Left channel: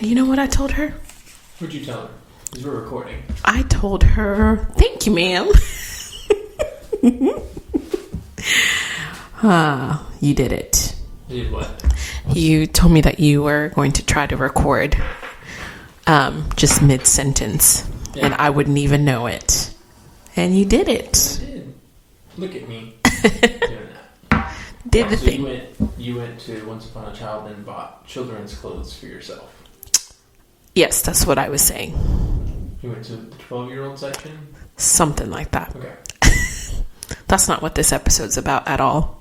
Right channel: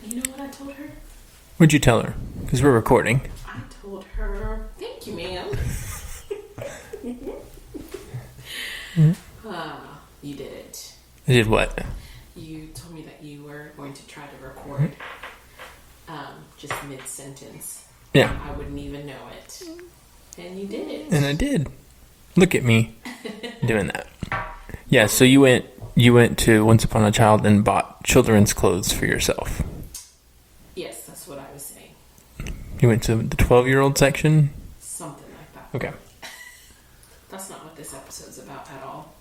You know what I told her? What'd you tell her? Because we're recording. I told her, thank you, ma'am. You did it. I did what? You told me that you were going to try to record just mid-sentence. Yeah. And I wouldn't even know it. And you did it. And I did. Look at me doing that. Yeah, so you went to Once Upon a Child and bought children's clothes for yourself. Yes, that's what I was saying. You went to the 12-year-old section? Something like that. Okay. That's not what this episode's about at all.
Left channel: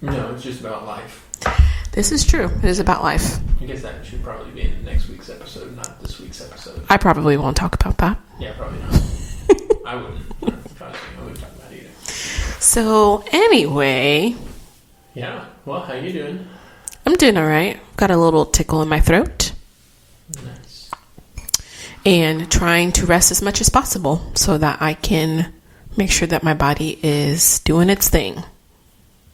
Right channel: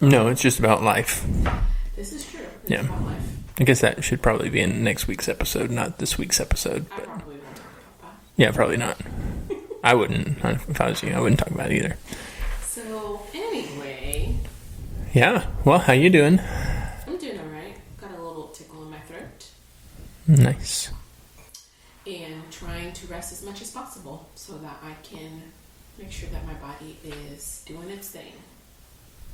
No, it's just about life. This is true. It is about life. I guess that should probably be in next week's episode, not this week's episode. I probably won't talk about that. Yeah, probably not. I wouldn't. If I was you, I wouldn't talk about it either. So, anyway. Yeah. Well, how you doing? I'm doing all right. Got a little tickle in my throat. Nice. And trying to rest as much as possible so that I can make sure that my body is doing its thing.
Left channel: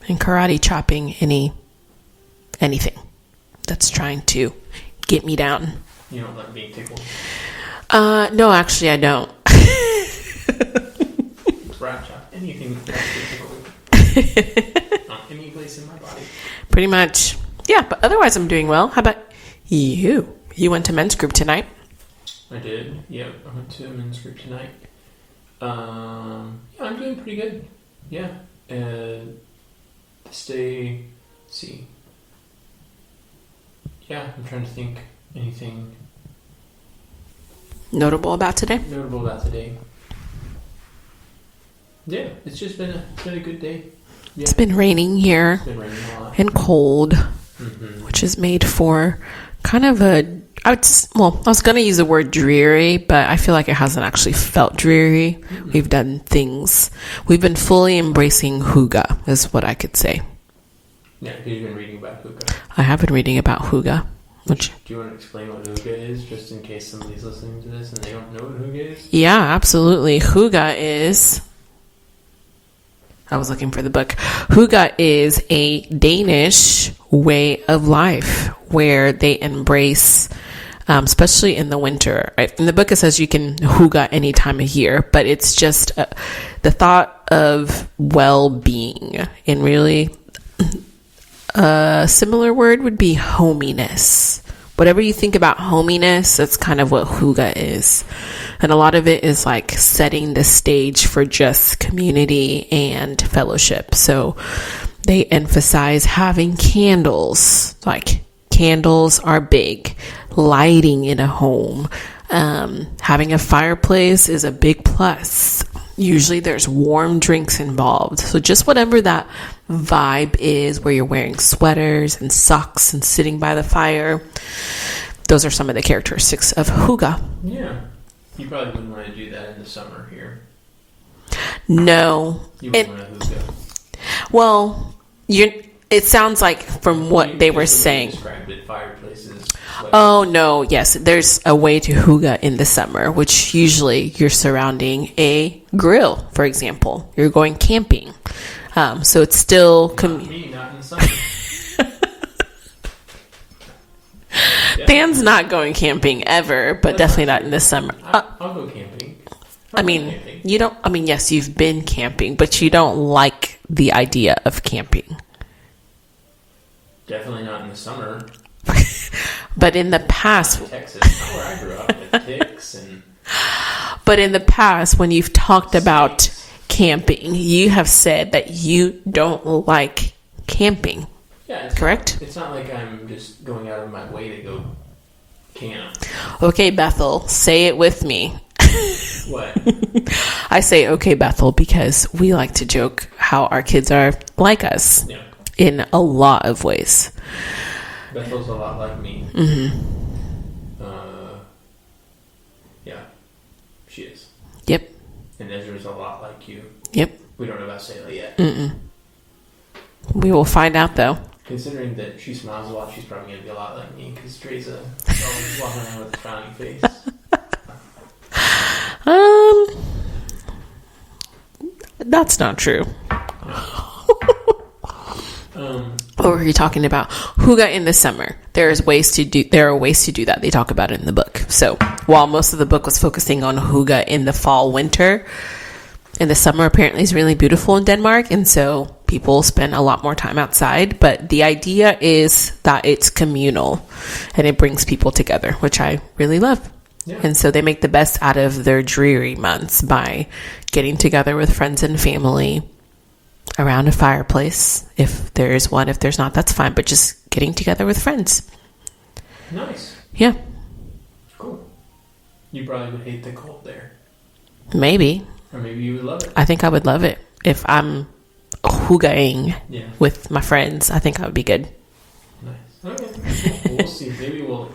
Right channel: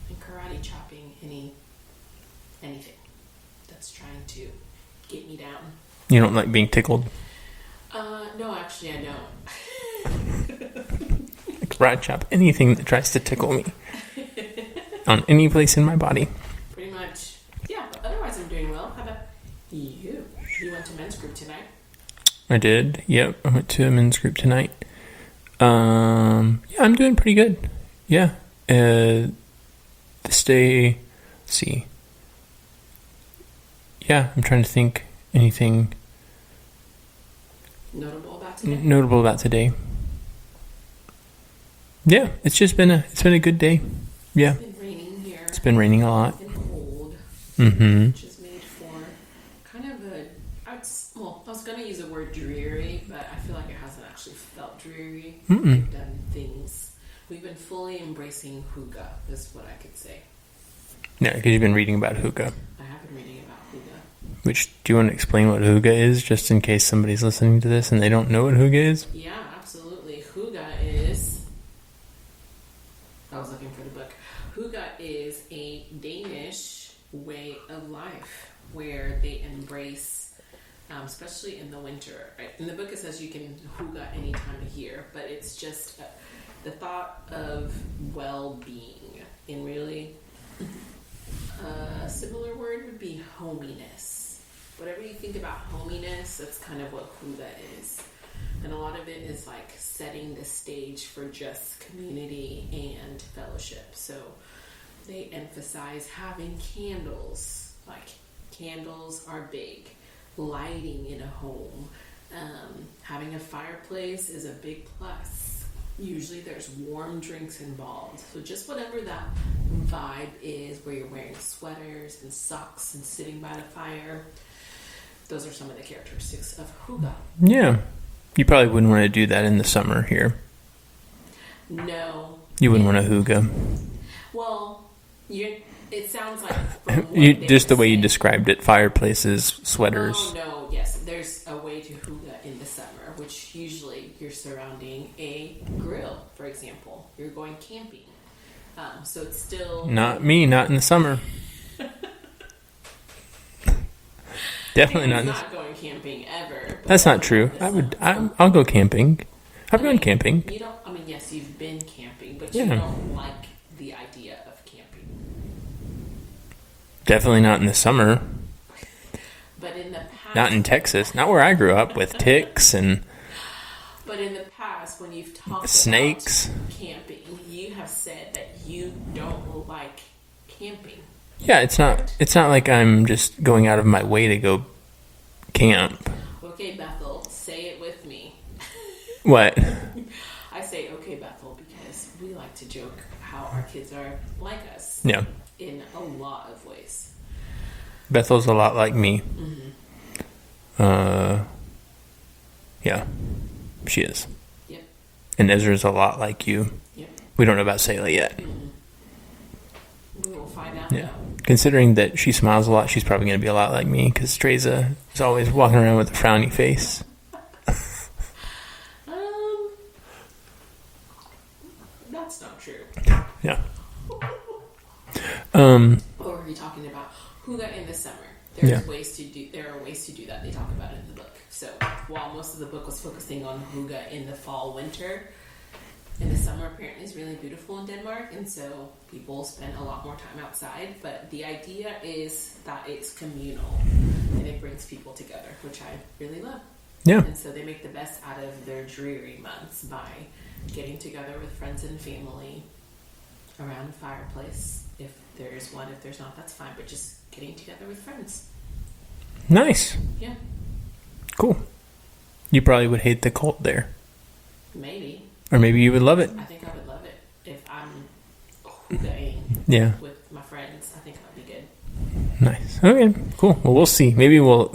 And karate chopping anything that's trying to get me down. You don't like being tickled? No, actually, I don't. Karate chop anything that tries to tickle me on any place in my body. Pretty much. Yeah, but otherwise I'm doing well. How about you? You went to men's group tonight? I did. Yep, I went to a men's group tonight. Yeah, I'm doing pretty good. Yeah. This day, let's see. Yeah, I'm trying to think anything Notable about today? Notable about today. Yeah, it's been a good day. Yeah. It's been raining here. It's been raining a lot. And cold, which is made for kind of I was going to use the word dreary, but I feel like it hasn't actually felt dreary. We've done things. We've been fully embracing hygge, is what I could say. Yeah, because you've been reading about hygge. I have been reading about hygge. Do you want to explain what hygge is, just in case somebody's listening to this and they don't know what hygge is? Yeah, absolutely. Hygge is... I was looking for the book. Hygge is a Danish way of life where they embrace... especially in the winter. Right? In the book, it says you can hygge any time of year, but it's just the thought of well-being. And really, a similar word would be hominess. Whatever you think about hominess, that's kind of what hygge is. And a lot of it is like setting the stage for just community and fellowship. So they emphasize having candles. Like, candles are big. Lighting in a home, having a fireplace is a big plus. Usually there's warm drinks involved. So just whatever that vibe is, where you're wearing sweaters and socks and sitting by the fire, those are some of the characteristics of hygge. Yeah. You probably wouldn't want to do that in the summer here. No. You wouldn't want to hygge. Well, it sounds like from what they were saying. Just the way you described it, fireplaces, sweaters. Oh, no, yes. There's a way to hygge in the summer, which usually you're surrounding a grill, for example. You're going camping. So it's still... Not in the summer. Dan's not going camping ever, but That's definitely not in the summer. I'll go camping. I've been camping. You don't... I mean, yes, you've been camping, but you don't like the idea of camping. Definitely not in the summer. But in the past... Not in Texas. Not where I grew up with ticks and... But in the past, when you've talked snakes. about camping, you have said that you don't like camping. Yeah, it's correct? It's not like I'm just going out of my way to go camp. Okay, Bethel, say it with me. What? I say, okay, Bethel, because we like to joke how our kids are like us. Yeah. In a lot of ways. Bethel's a lot like me. Yeah, she is. Yep. And Ezra's a lot like you. Yep. We don't know about Selah yet. We will find out, though. Considering that she smiles a lot, she's probably going to be a lot like me, because Dreza is always walking around with a frowny face. That's not true. Yeah. Or are you talking about hygge in the summer? There are ways to do that. They talk about it in the book. So while most of the book was focusing on hygge in the fall, winter, in the summer apparently is really beautiful in Denmark, and so people spend a lot more time outside. But the idea is that it's communal and it brings people together, which I really love. Yeah. And so they make the best out of their dreary months by getting together with friends and family around a fireplace. If there is one, if there's not, that's fine. But just getting together with friends. Nice. Yeah. Cool. You probably would hate the cold there. Maybe. Or maybe you would love it. I think I would love it. If I'm hyggeing with my friends, I think I would be good. Nice. Okay. Cool. Well, we'll see. Maybe we'll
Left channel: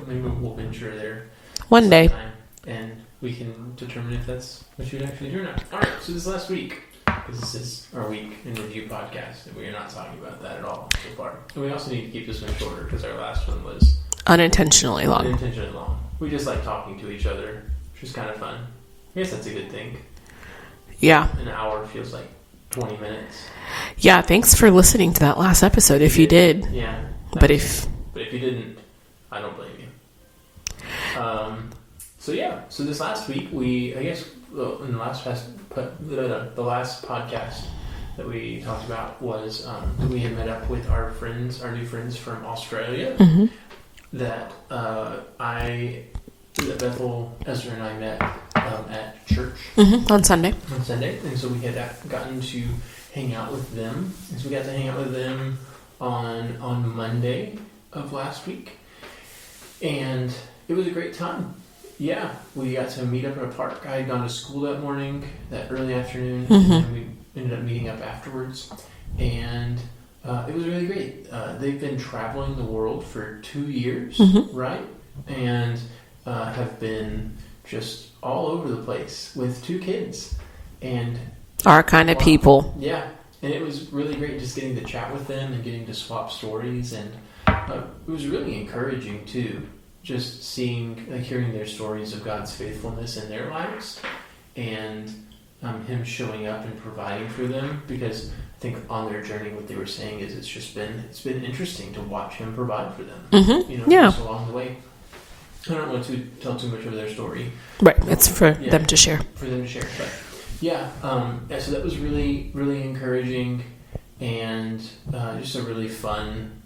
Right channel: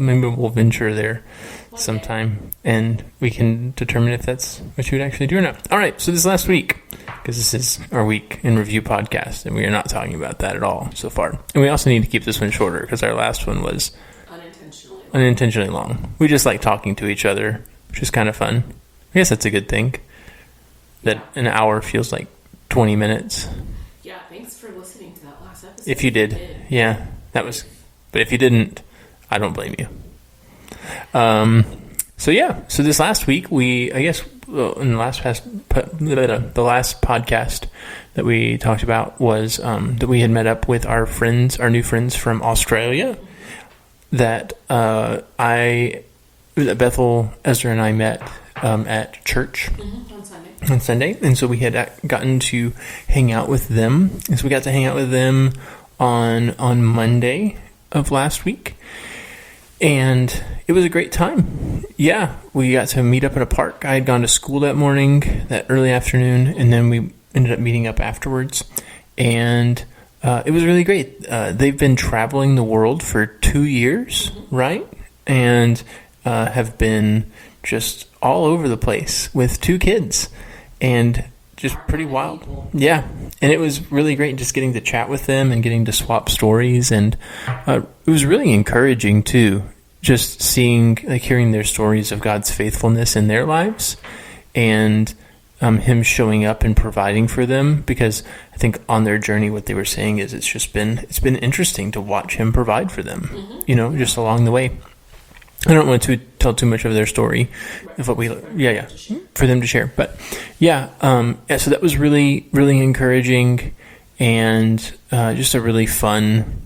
venture there one sometime, day, and we can determine if that's what you would actually do or not. All right. So this last week, because this is our week in review podcast, and we are not talking about that at all so far. And we also need to keep this one shorter because our last one was unintentionally long. We just like talking to each other, which is kind of fun. I guess that's a good thing. Yeah. An hour feels like 20 minutes. Yeah. Thanks for listening to that last episode. If you did. Yeah. But if you didn't, I don't blame you. So this last week, in the last podcast that we talked about was that we had met up with our new friends from Australia. Mm-hmm. That Bethel, Ezra, and I met at church on Sunday. And so we had gotten to hang out with them. And so we got to hang out with them on Monday of last week. And it was a great time. Yeah, we got to meet up at a park. I had gone to school that morning, that early afternoon, and then we ended up meeting up afterwards. And it was really great. They've been traveling the world for 2 years, right? And have been just all over the place with 2 kids. And our kind of people. Yeah. And it was really great just getting to chat with them and getting to swap stories. And it was really encouraging, too, just hearing their stories of God's faithfulness in their lives and Him showing up and providing for them. Because I think on their journey, what they were saying is it's been interesting to watch Him provide for them, just along the way. I don't want to tell too much of their story. Right, it's for them to share. For them to share. But so that was really, really encouraging and just a really fun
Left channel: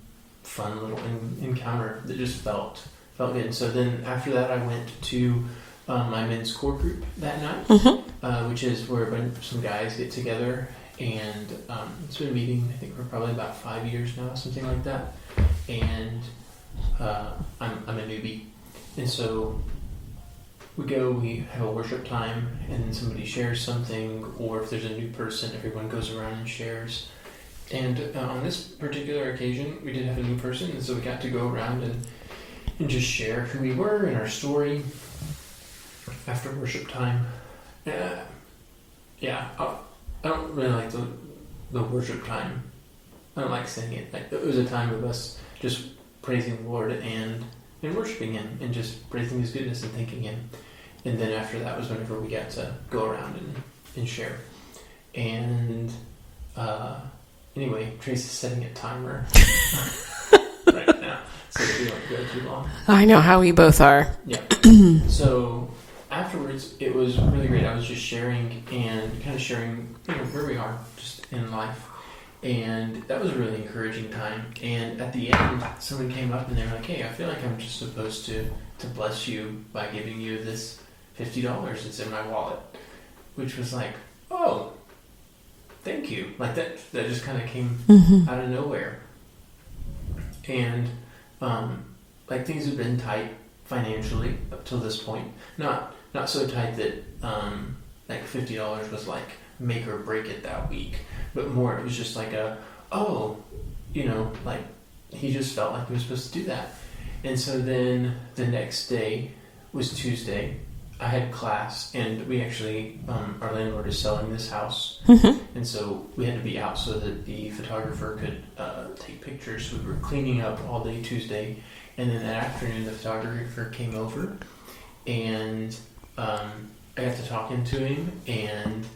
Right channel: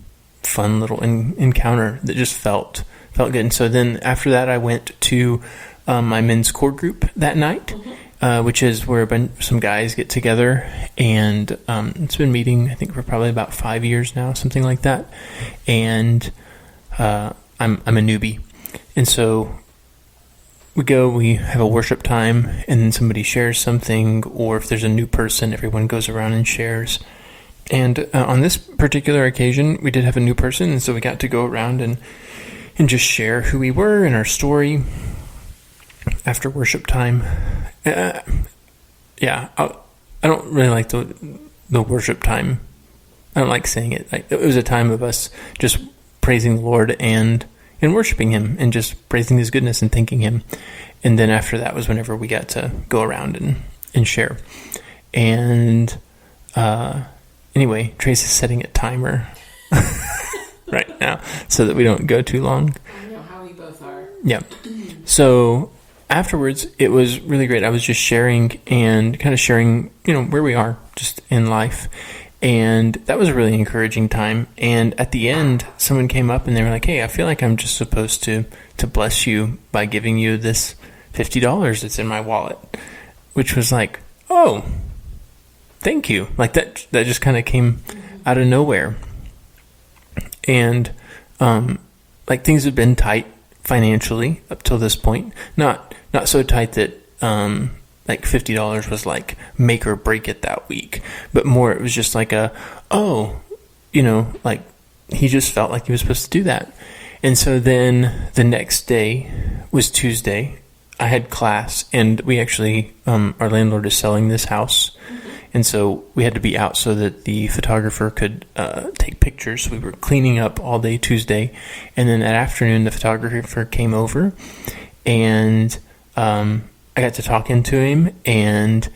little encounter that just felt good. And so then after that, I went to my men's core group that night, which is where some guys get together. And it's been meeting, I think, for probably about 5 years now, something like that. And I'm a newbie. And so we have a worship time, and then somebody shares something, or if there's a new person, everyone goes around and shares. And on this particular occasion, we did have a new person, and so we got to go around and just share who we were and our story after worship time. I don't really like the worship time. I don't like saying it. It was a time of us just praising the Lord and worshiping Him and just praising His goodness and thanking Him. And then after that was whenever we got to go around and share. And anyway, Trace is setting a timer right now so that we don't go too long. I know how we both are. Yeah. So afterwards, it was really great. I was just sharing where we are just in life. And that was a really encouraging time. And at the end, someone came up and they were like, "Hey, I feel like I'm just supposed to bless you by giving you this $50 that's in my wallet," which was like, "Oh, thank you." Like that just kind of came out of nowhere. And things have been tight financially up till this point. Not so tight that $50 was like make or break it that week, but more it was just like he just felt like he was supposed to do that. And so then the next day was Tuesday. I had class, and we actually our landlord is selling this house, and so we had to be out so that the photographer could take pictures. We were cleaning up all day Tuesday, and then that afternoon the photographer came over, and I got to talking to him, and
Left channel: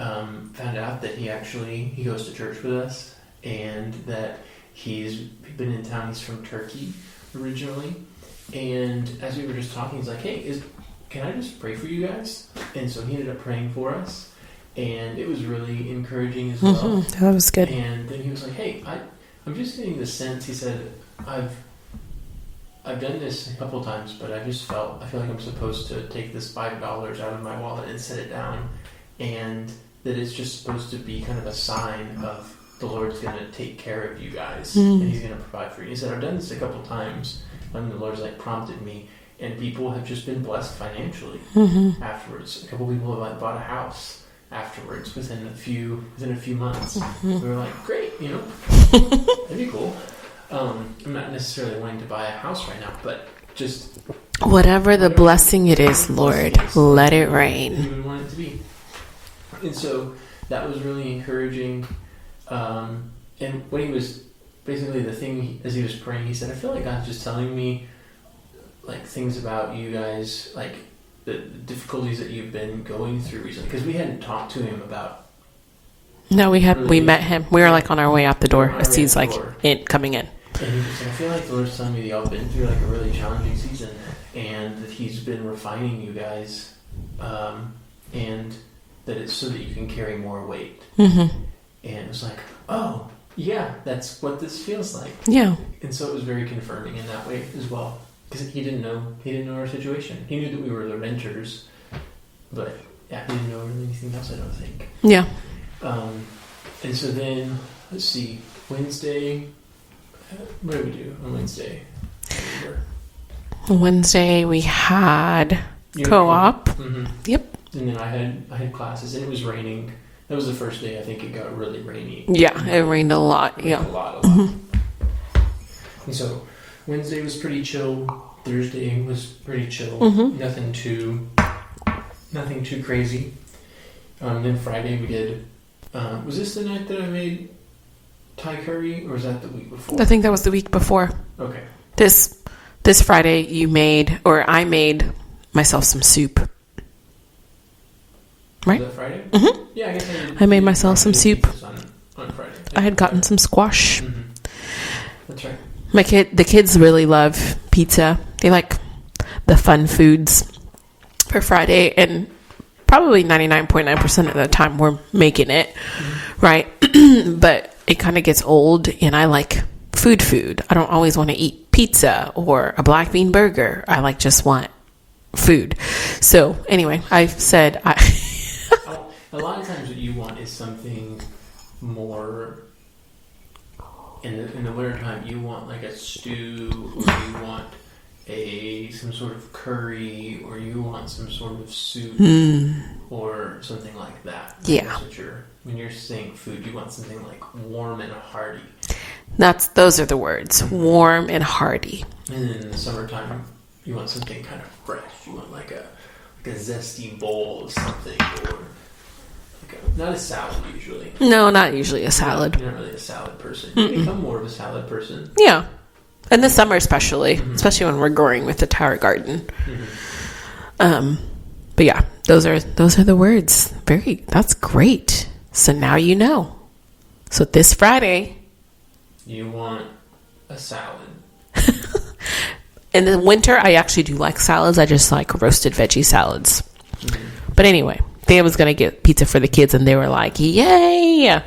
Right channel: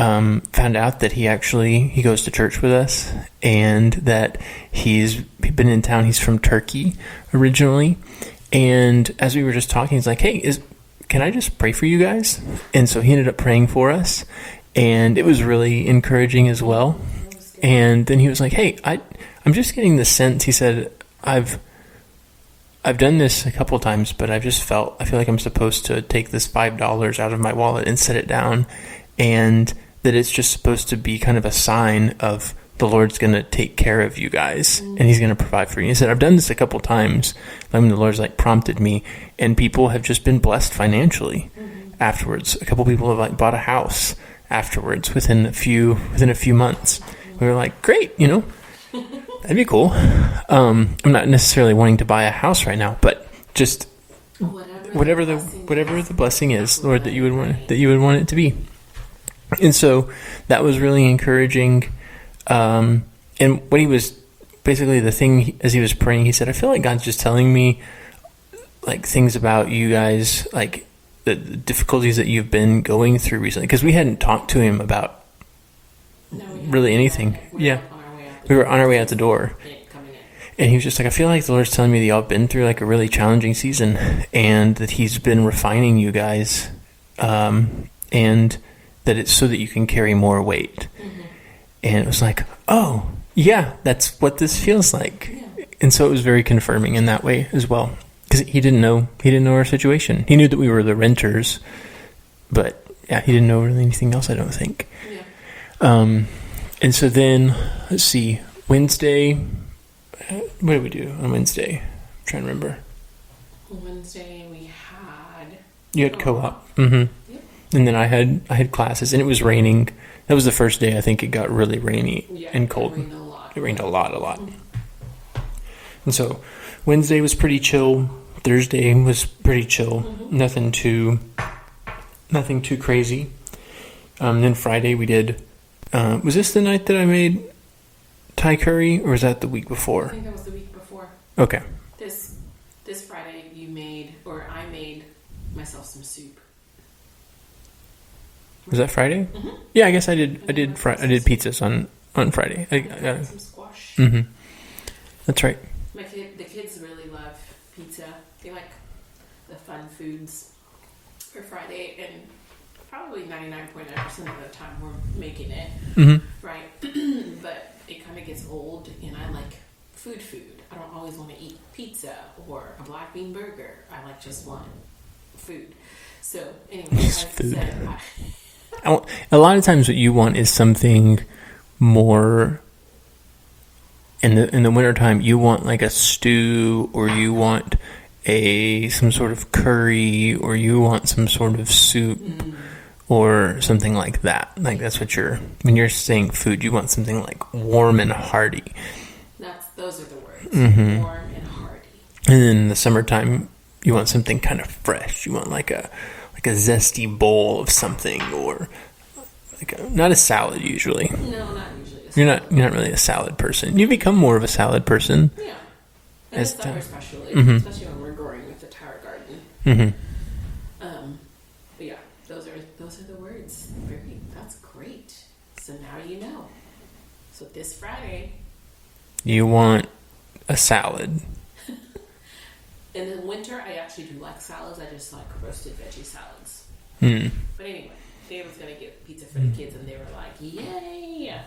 found out that he goes to church with us, and that he's been in town. He's from Turkey originally. And as we were just talking, he's like, hey, can I just pray for you guys? And so he ended up praying for us, and it was really encouraging as well. Mm-hmm. That was good. And then he was like, hey, I'm just getting the sense, he said, I've done this a couple of times, but I feel like I'm supposed to take this $5 out of my wallet and set it down, and that it's just supposed to be kind of a sign of the Lord's going to take care of you guys, and he's going to provide for you. He said, I've done this a couple of times when the Lord's like prompted me, and people have just been blessed financially afterwards. A couple people have like bought a house afterwards within a few months. We were like, great, that'd be cool. I'm not necessarily wanting to buy a house right now, but just whatever the blessing it is, Lord, let it rain. That you would want it to be. And so that was really encouraging. And what he was basically, the thing as he was praying, he said, I feel like God's just telling me like things about you guys, like the difficulties that you've been going through recently, because we hadn't talked to him about. No, we met him. We were like on our way out the door. On our way out the door. Coming in. And he was just like, I feel like the Lord's telling me that y'all been through like a really challenging season, and that he's been refining you guys, and that it's so that you can carry more weight. And it was like, oh, yeah, that's what this feels like. Yeah. And so it was very confirming in that way as well. Because he didn't know our situation. He knew that we were the renters, but yeah, he didn't know really anything else, I don't think. Yeah. And so then, let's see, Wednesday, what did we do on Wednesday? I'm trying to remember. Wednesday we had co-op. Yep. And then I had classes, and it was raining. That was the first day I think it got really rainy. Yeah, it rained a lot. It rained a lot. And so Wednesday was pretty chill. Thursday was pretty chill. Nothing too crazy. Then Friday we did. Was this the night that I made Thai curry, or was that the week before? I think that was the week before. Okay. This Friday I made myself some soup. Right? Was that Friday? Yeah, I guess I did. I made myself some soup. Pizzas on Friday. I had gotten some squash. That's right. The kids really love pizza. They like the fun foods for Friday, and probably 99.9% of the time we're making it, right? But it kind of gets old, and I like food. I don't always want to eat pizza or a black bean burger. I just want food. So anyway, I've said a lot of times what you want is something more. In the wintertime, you want like a stew, or you want some sort of curry, or you want some sort of soup, or something like that. That's what when you're saying food, you want something like warm and hearty. Those are the words, warm and hearty. And then in the summertime, you want something kind of fresh. You want like a zesty bowl of something, or not a salad usually. No, not usually a salad. You're not really a salad person. You become more of a salad person. Yeah. In the summer especially when we're growing with the tower garden. But yeah, those are the words. That's great. So now you know. So this Friday, you want a salad. In the winter, I actually do like salads. I just like roasted veggie salads. But anyway, Dan was going to get pizza for the kids, and they were like, yay!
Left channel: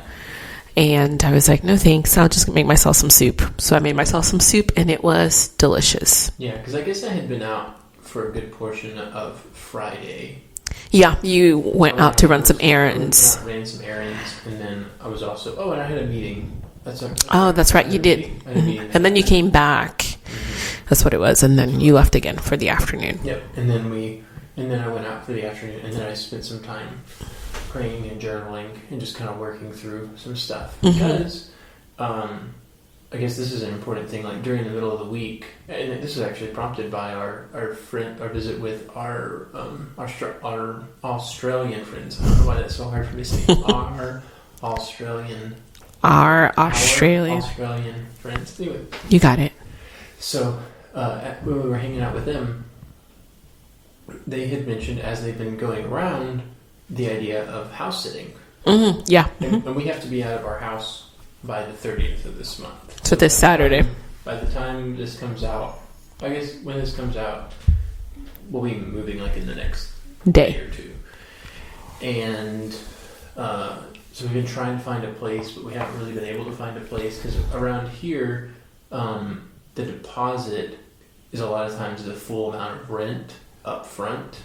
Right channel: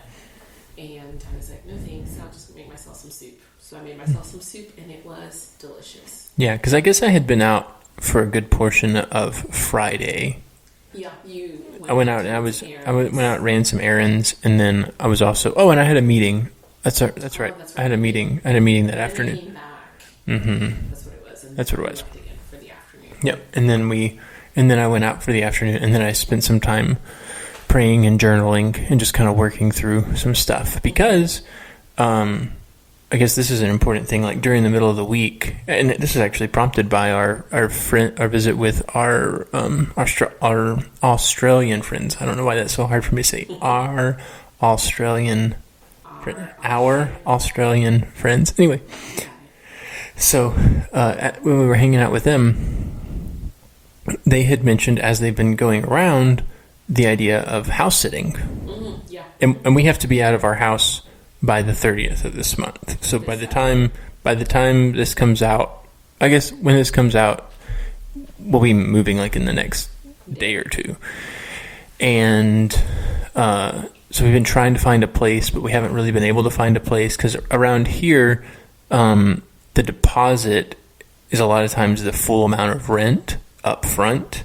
And I was like, no thanks, I'll just make myself some soup. So I made myself some soup, and it was delicious. Yeah, because I guess I had been out for a good portion of Friday. Yeah, you went out to run some errands. I went out, ran some errands, and then I was also... and I had a meeting. That's right. That's right. You did. I had a meeting that and then you came back. That's what it was. And then you left again for the afternoon. Yep. And then I went out for the afternoon, and then I spent some time praying and journaling and just kind of working through some stuff, because I guess this is an important thing. Like during the middle of the week, and this is actually prompted by our visit with our Australian friends. I don't know why that's so hard for me to say. Our Australian friends. Anyway, you got it. So when we were hanging out with them, they had mentioned, as they've been going around, the idea of house sitting. Yeah. And we have to be out of our house by the 30th of this month. So this Saturday. By the time this comes out, I guess when this comes out, we'll be moving like in the next day or two. And so we've been trying to find a place, but we haven't really been able to find a place because around here, the deposit is a lot of times the full amount of rent up front.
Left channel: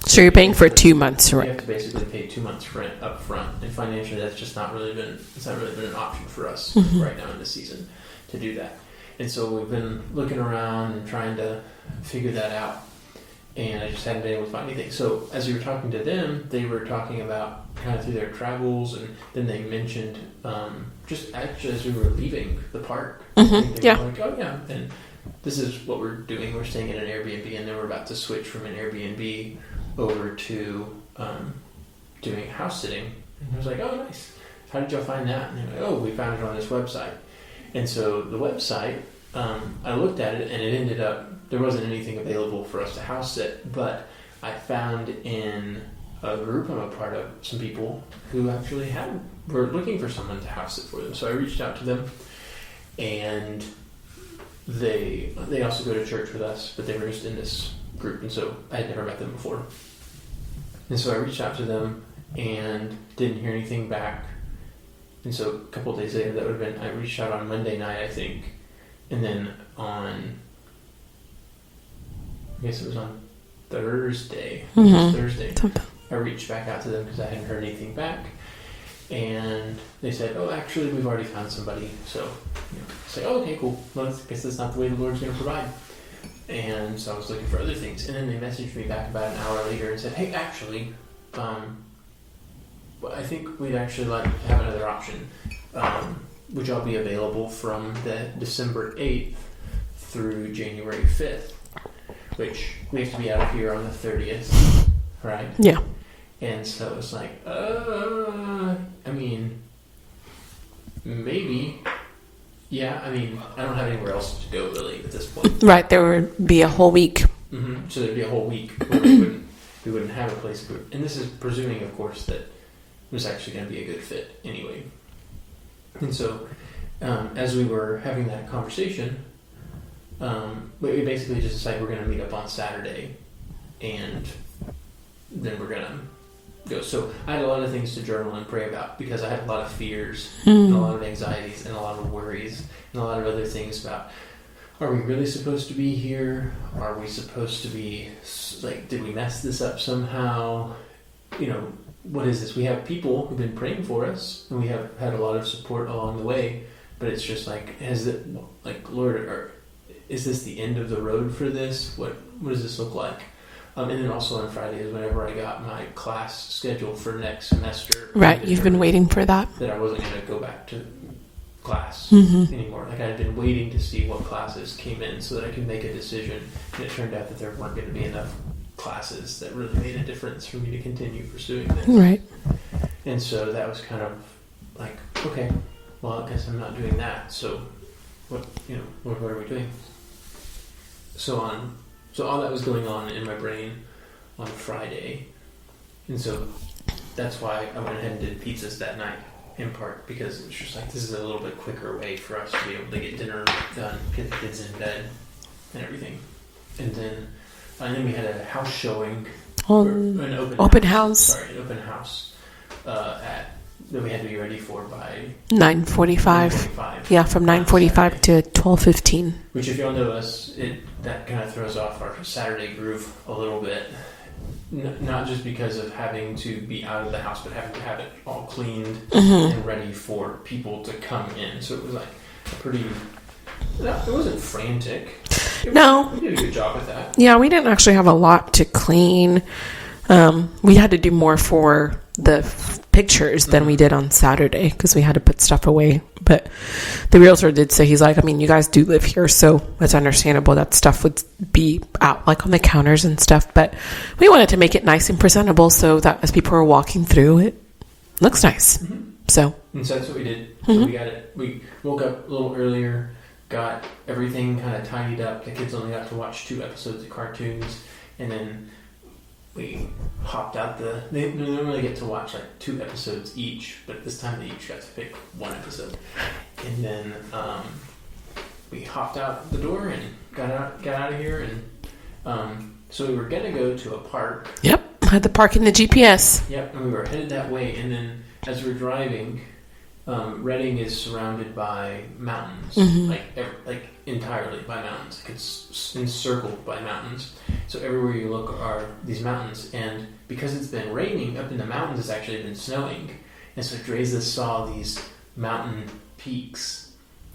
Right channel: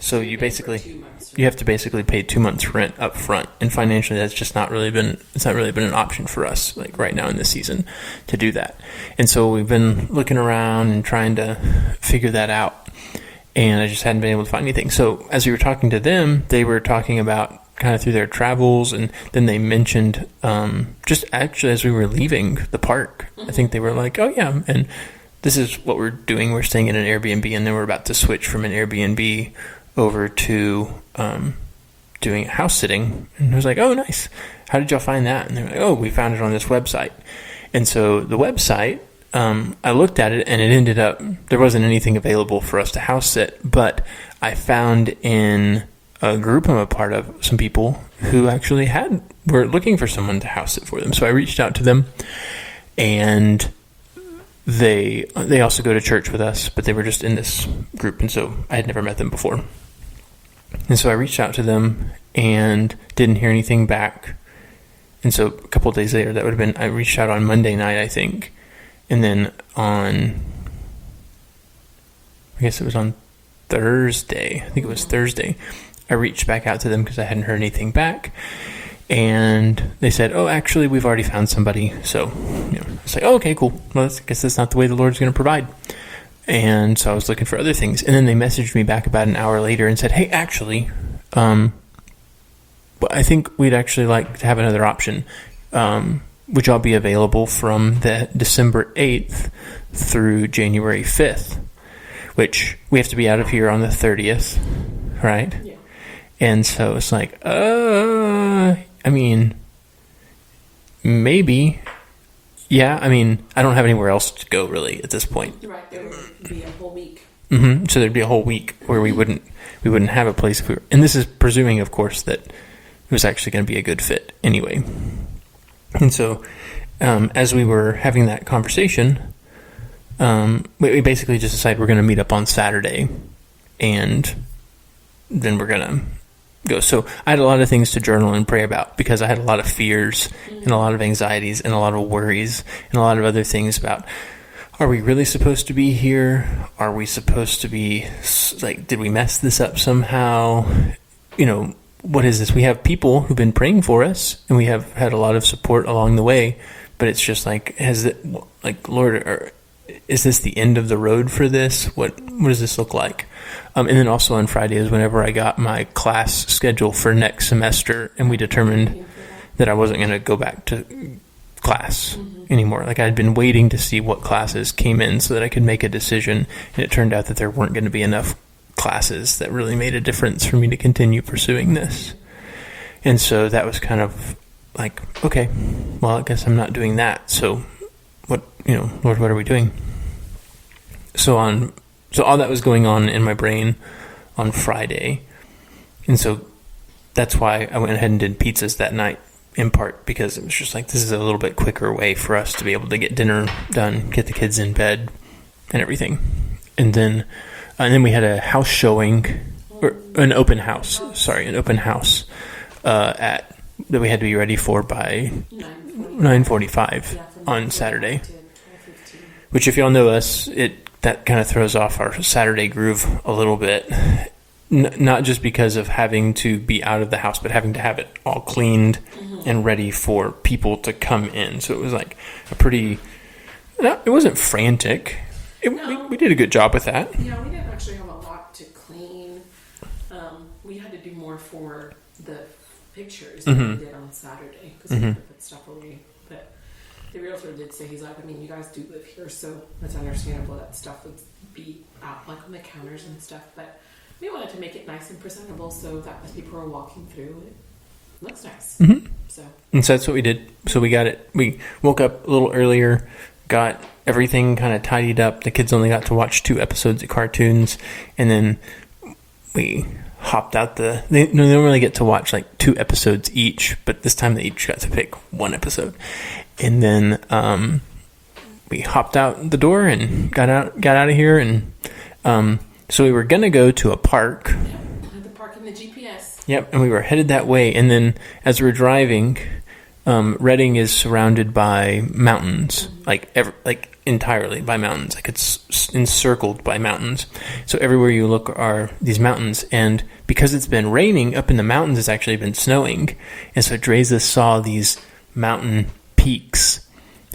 So you're paying for 2 months rent. You have to basically pay 2 months rent up front, and financially that's just not really been an option for us like right now in this season to do that. And so we've been looking around and trying to figure that out, and I just hadn't been able to find anything. So as we were talking to them, they were talking about kind of through their travels, and then they mentioned just actually as we were leaving the park, I think they were like, oh yeah, and this is what we're doing. We're staying in an Airbnb, and then we're about to switch from an Airbnb over to doing house sitting. And I was like, oh, nice. How did y'all find that? And they're like, oh, we found it on this website. And so the website, I looked at it, and it ended up, there wasn't anything available for us to house sit, but I found in a group I'm a part of some people who actually were looking for someone to house sit for them. So I reached out to them, and they also go to church with us, but they were just in this group, and so I had never met them before. And so I reached out to them and didn't hear anything back. And so a couple of days later, that would have been, I reached out on Monday night, I think. And then I guess it was on Thursday. I think it was Thursday. I reached back out to them because I hadn't heard anything back. And they said, oh, actually, we've already found somebody. So, it's like, oh, okay, cool. Well, I guess that's not the way the Lord's going to provide. And so I was looking for other things. And then they messaged me back about an hour later and said, hey, actually, I think we'd actually like to have another option. Would y'all be available from the December 8th through January 5th, which we have to be out of here on the 30th, right? Yeah. And so it's like, I mean, maybe. Yeah, I mean, I don't have anywhere else to go really at this point. Right, there would be a whole week. So there'd be a whole week where we wouldn't have a place if we were, and this is presuming, of course, that it was actually going to be a good fit anyway. And so, as we were having that conversation, we basically just decided we're going to meet up on Saturday, and then we're going to go. So I had a lot of things to journal and pray about because I had a lot of fears and a lot of anxieties and a lot of worries and a lot of other things about, are we really supposed to be here? Are we supposed to be, like, did we mess this up somehow? What is this? We have people who've been praying for us, and we have had a lot of support along the way, but it's just like, Lord, is this the end of the road for this? What does this look like? And then also on Friday is whenever I got my class schedule for next semester. Right, you've been waiting for that. That I wasn't going to go back to class anymore. Like, I had been waiting to see what classes came in so that I could make a decision. And it turned out that there weren't going to be enough classes that really made a difference for me to continue pursuing this. Right. And so that was kind of like, okay, well, I guess I'm not doing that. So Lord, what are we doing? So all that was going on in my brain on Friday. And so that's why I went ahead and did pizzas that night, in part because it was just like, this is a little bit quicker way for us to be able to get dinner done, get the kids in bed and everything. And then we had a house showing, or an open house. An open house that we had to be ready for by 9:45. Yeah, from 9:45 to 12:15. Which, if y'all know us, that kind of throws off our Saturday groove a little bit. Not just because of having to be out of the house, but having to have it all cleaned and ready for people to come in. So it was like it wasn't frantic. We did a good job with that. Yeah, we didn't actually have a lot to clean. We had to do more for the pictures than we did on Saturday because we had to put stuff away. But the realtor did say, he's like, I mean, you guys do live here, so it's understandable that stuff would be out like on the counters and stuff. But we wanted to make it nice and presentable so that as people are walking through, it looks nice. So that's what we did. So we got it. We woke up a little earlier, got everything kind of tidied up. The kids only got to watch 2 episodes of cartoons, and then we hopped out they normally get to watch like 2 episodes each, but this time they each got to pick 1 episode. And then we hopped out the door and got out of here. And so we were going to go to a park. Yep. I had the park in the GPS. Yep. And we were headed that way. And then as we were driving, Reading is surrounded by mountains, like entirely by mountains. Like it's encircled by mountains. So everywhere you look are these mountains. And because it's been raining up in the mountains, it's actually been snowing. And so Dreza saw these mountain peaks.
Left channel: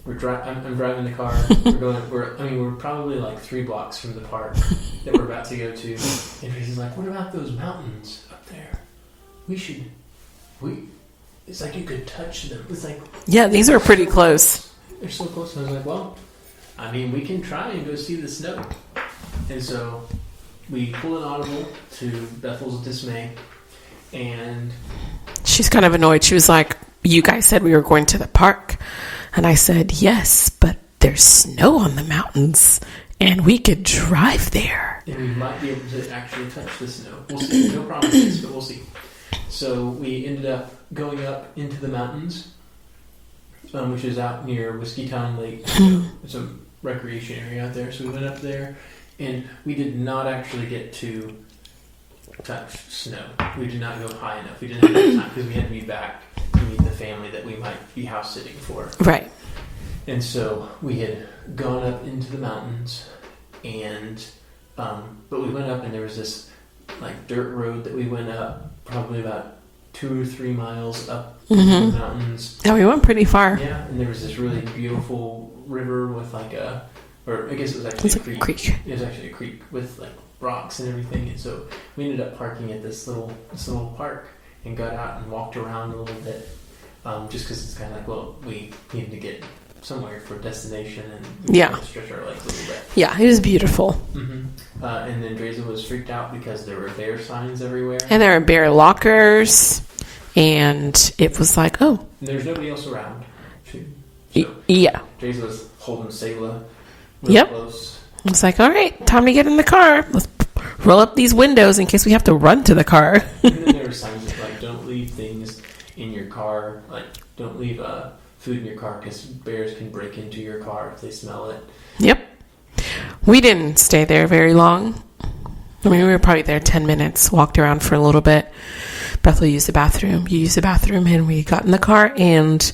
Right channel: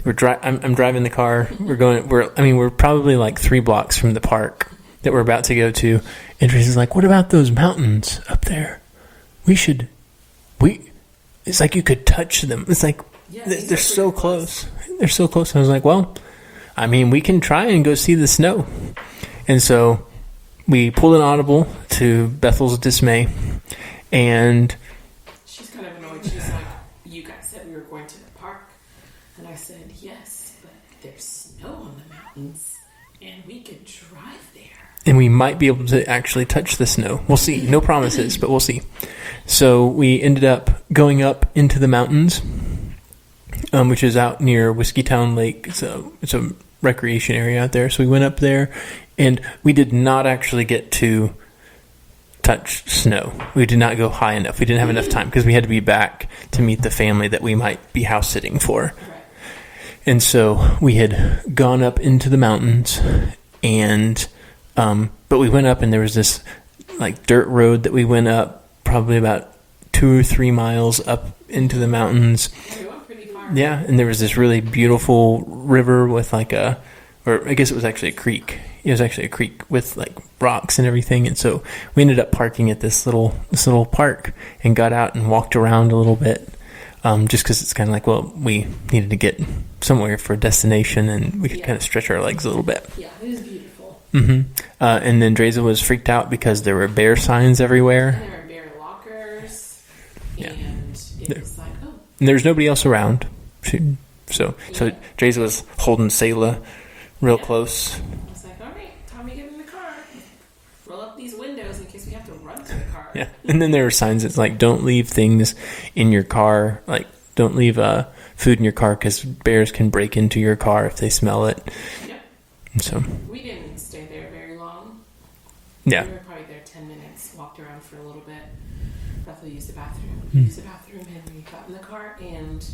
I'm driving the car. We're probably like 3 blocks from the park that we're about to go to. And Dreza's like, "What about those mountains up there? It's like you could touch them." It's like, yeah, these are pretty so close. They're so close. I was like, well, I mean, we can try and go see the snow. And so we pulled an audible to Bethel's dismay. And she's kind of annoyed. She was like, "You guys said we were going to the park." And I said, "Yes, but there's snow on the mountains and we could drive there. And we might be able to actually touch the snow. We'll see. No promises, but we'll see." So we ended up going up into the mountains, which is out near Whiskeytown Lake. So it's a recreation area out there. So we went up there, and we did not actually get to touch snow. We did not go high enough. We didn't have enough time because we had to be back to meet the family that we might be house sitting for. Right. And so we had gone up into the mountains, and but we went up, and there was this like dirt road that we went up probably about 2 or 3 miles up into the mountains. Yeah, we went pretty far. Yeah, and there was this really beautiful river with like or I guess it was actually a creek. It was actually a creek with like rocks and everything. And so we ended up parking at this little park and got out and walked around a little bit, just because it's kind of like, well, we needed to get somewhere for a destination, and we could kind of stretch our legs a little bit. Yeah, it was beautiful. And then Dreza was freaked out because there were bear signs everywhere. And there were bear lockers, and it was like, oh. And there was nobody else around. So Dreza was holding Selah real close. It's like, all right, time to get in the car. Let's roll up these windows in case we have to run to the car. And then there were signs that like, don't leave things in your car. Like, don't leave food in your car because bears can break into your car if they smell it. Yep. So. We didn't stay there very long. We were probably there 10 minutes, walked around for a little bit. Bethel used the bathroom. You used the bathroom, and we got in the car and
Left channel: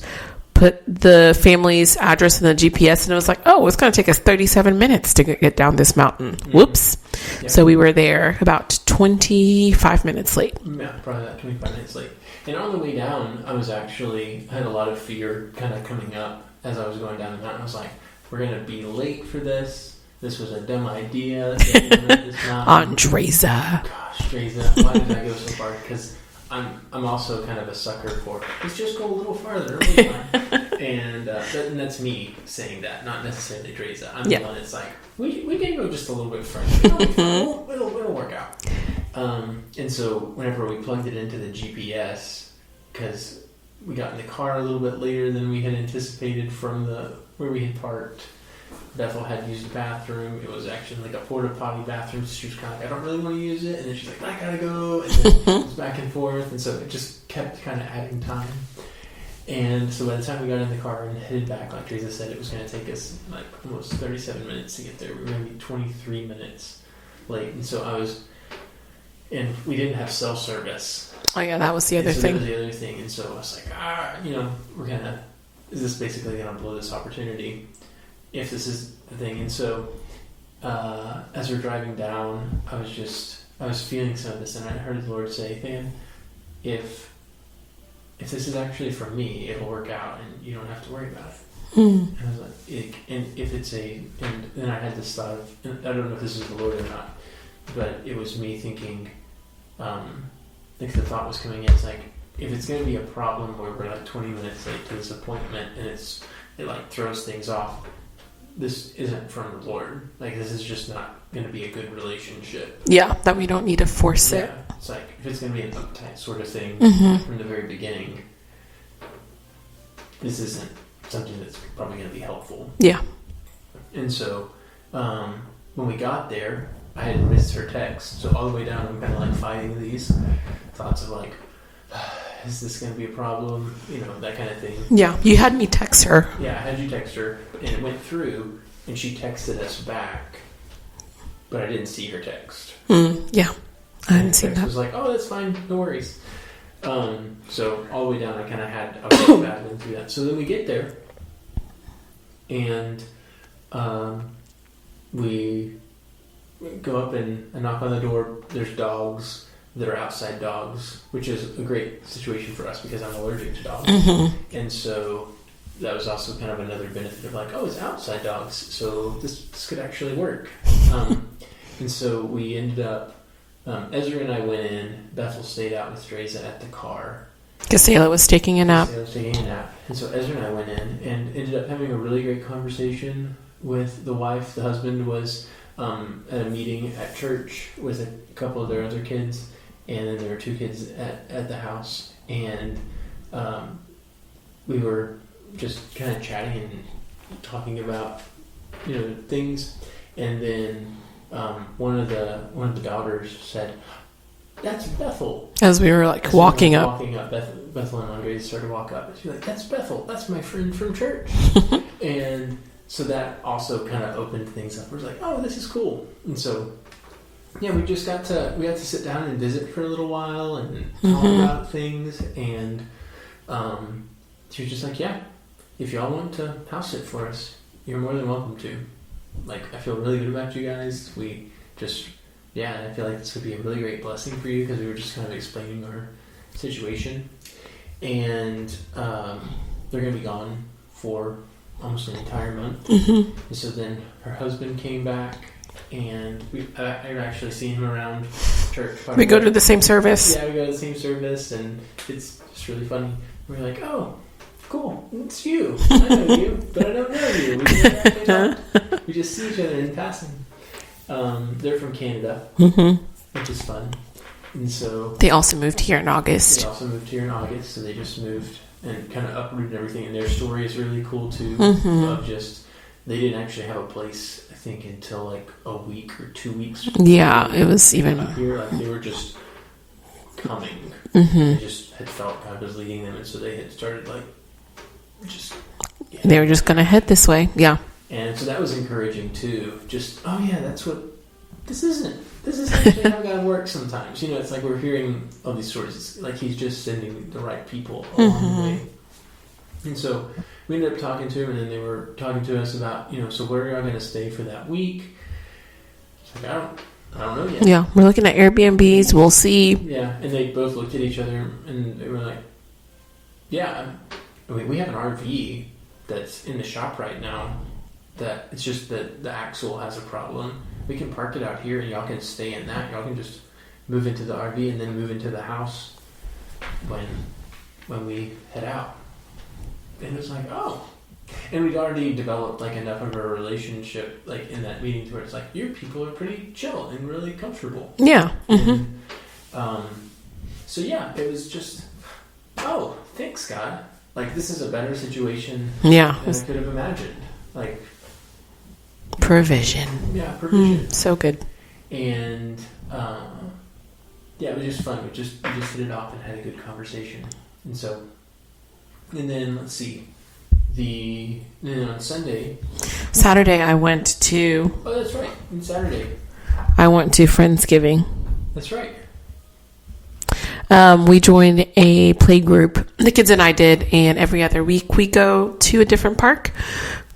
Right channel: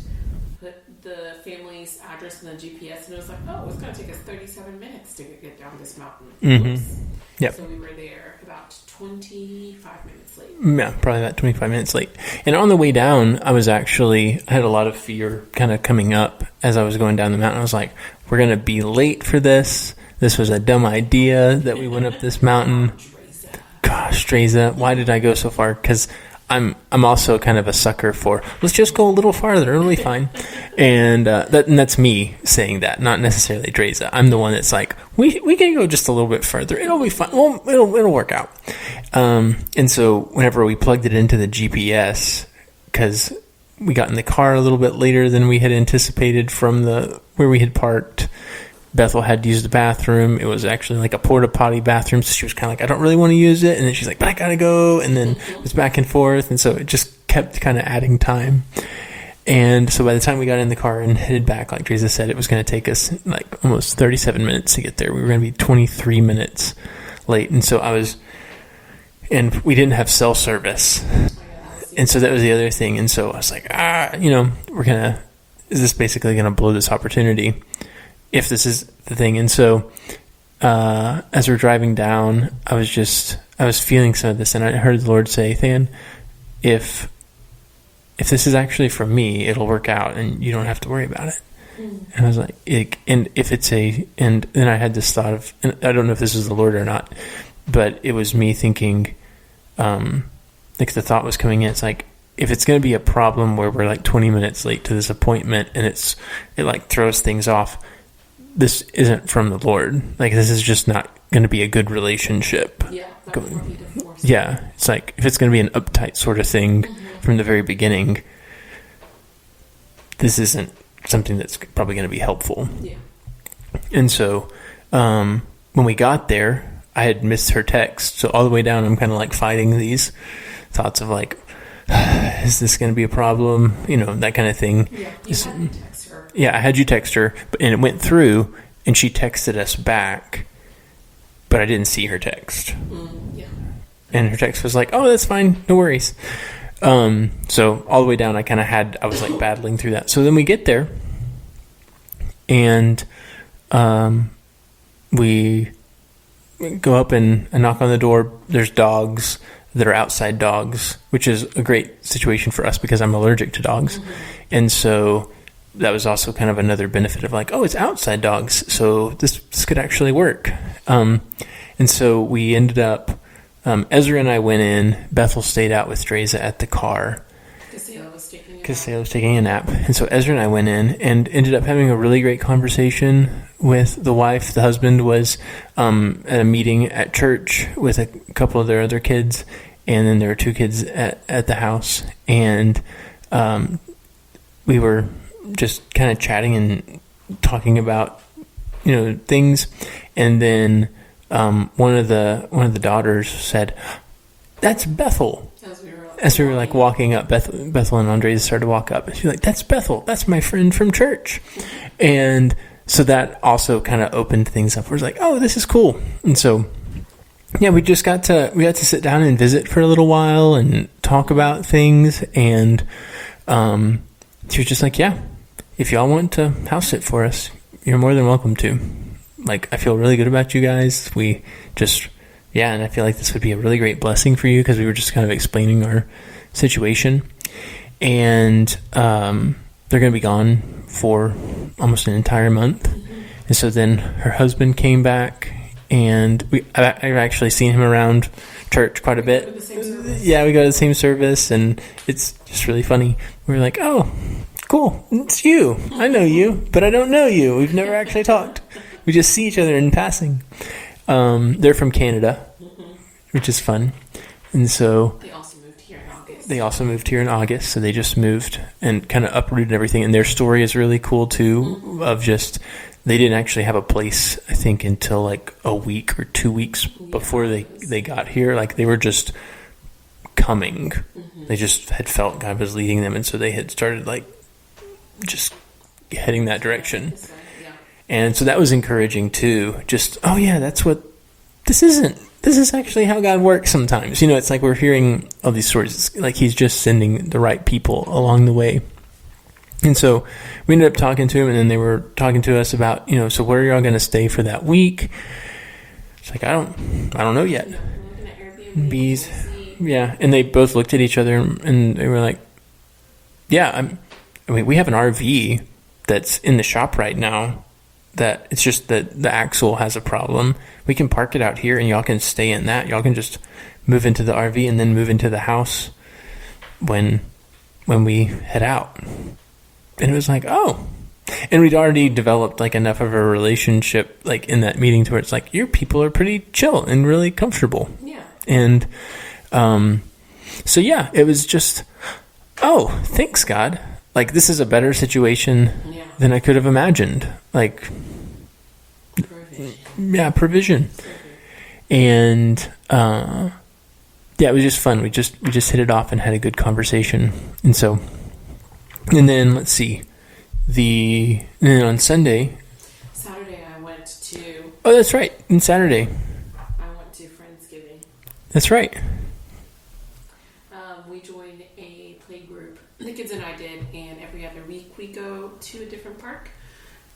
put the family's address in the GPS, and it was like, oh, it's going to take us 37 minutes to get down this mountain. Whoops. Yep. So we were there about 25 minutes late. Yeah, probably about 25 minutes late. And on the way down, I had a lot of fear kind of coming up as I was going down the mountain. I was like, we're going to be late for this. This was a dumb idea that we went up this mountain. On Dreza. Gosh, Dreza, why did I go so far? Because I'm also kind of a sucker for, let's just go a little farther. It'll be fine. And that's me saying that, not necessarily Dreza. I'm the one that's like, we can go just a little bit further. It'll be fine. It'll work out. And so whenever we plugged it into the GPS, because we got in the car a little bit later than we had anticipated from where we had parked, Bethel had to use the bathroom. It was actually like a porta potty bathroom, so she was kind of like, I don't really want to use it. And then she's like, but I gotta go. And then it was back and forth, and so it just kept kind of adding time. And so by the time we got in the car and headed back, like Teresa said, it was going to take us like almost 37 minutes to get there. We were going to be 23 minutes late, and so and we didn't have cell service. Oh yeah, that was the other thing. And so that was the other thing. And so I was like, is this basically gonna blow this opportunity if this is the thing? And so as we're driving down, I was feeling some of this, and I heard the Lord say, Than, if this is actually for me, it'll work out and you don't have to worry about it. And I was like, and then I had this thought of, and I don't know if this is the Lord or not, but it was me thinking, like the thought was coming in, it's like, if it's going to be a problem where we're like 20 minutes late to this appointment and it like throws things off, this isn't from the Lord. Like, this is just not going to be a good relationship. Yeah, that we don't need to force it. Yeah, it's like, if it's going to be an uptight sort of thing from the very beginning, this isn't something that's probably going to be helpful. Yeah. And so when we got there, I had missed her text. So all the way down, I'm kind of like fighting these thoughts of like, is this going to be a problem? You know, that kind of thing. Yeah. You had me text her. Yeah, I had you text her, and it went through, and she texted us back, but I didn't see her text. Yeah. And her text was like, oh, that's fine. No worries. So all the way down, I was like battling through that. So then we get there, and we go up and knock on the door. There's dogs that are outside dogs, which is a great situation for us because I'm allergic to dogs. And so that was also kind of another benefit of like, oh, it's outside dogs, so this could actually work. And so we ended up, Ezra and I went in. Bethel stayed out with Dreza at the car. Casela was taking a nap. And so Ezra and I went in and ended up having a really great conversation with the wife. The husband was at a meeting at church with a couple of their other kids, and then there were 2 kids at the house. And we were just kind of chatting and talking about, you know, things. And then one of the daughters said, "That's Bethel." As we were walking up, Bethel and Andres started to walk up, and she's like, "That's Bethel. That's my friend from church." And so that also kind of opened things up. We're like, "Oh, this is cool." And so, yeah, we got to sit down and visit for a little while and talk about things. And she was just like, "Yeah, if y'all want to house sit for us, you're more than welcome to. Like, I feel really good about you guys. We just." Yeah, and I feel like this would be a really great blessing for you because we were just kind of explaining our situation. And they're going to be gone for almost an entire month. And so then her husband came back, and I've actually seen him around church quite a bit. We go to the same service. Yeah, we go to the same service, and it's just really funny. We were like, oh, cool, it's you. I know you, but I don't know you. We've never actually talked. We just see each other in passing. They're from Canada, which is fun. And so they also moved here in August. So they just moved and kind of uprooted everything. And their story is really cool too, of just, they didn't actually have a place, I think, until like a week or 2 weeks before they got here. Like, they were just coming. They just had felt God was leading them. And so they had started like just heading they were just going to head this way. Yeah. And so that was encouraging too. Just, oh yeah, that's what this isn't. This is actually how God works sometimes. You know, it's like we're hearing all these stories. It's like he's just sending the right people along the way. And so we ended up talking to him, and then they were talking to us about, you know, so where are y'all going to stay for that week? It's like, I don't know yet. Yeah, we're looking at Airbnbs. We'll see. Yeah, and they both looked at each other, and they were like, yeah, I mean, we have an RV that's in the shop right now. That it's just that the axle has a problem. We can park it out here, and y'all can stay in that. Y'all can just move into the RV and then move into the house when we head out. And it was like, oh. And we'd already developed like enough of a relationship like in that meeting to where it's like, your people are pretty chill and really comfortable. Yeah. And so yeah, it was just, oh, thanks God. Like, this is a better situation than I could have imagined. Like, provision. Yeah, provision. So good. And yeah, it was just fun. We just hit it off and had a good conversation. And so, and then let's see, and then on Saturday I went to. Oh, that's right. And Saturday I went to Friendsgiving. That's right. We joined a play group. The kids and I did, and every other week we go to a different park.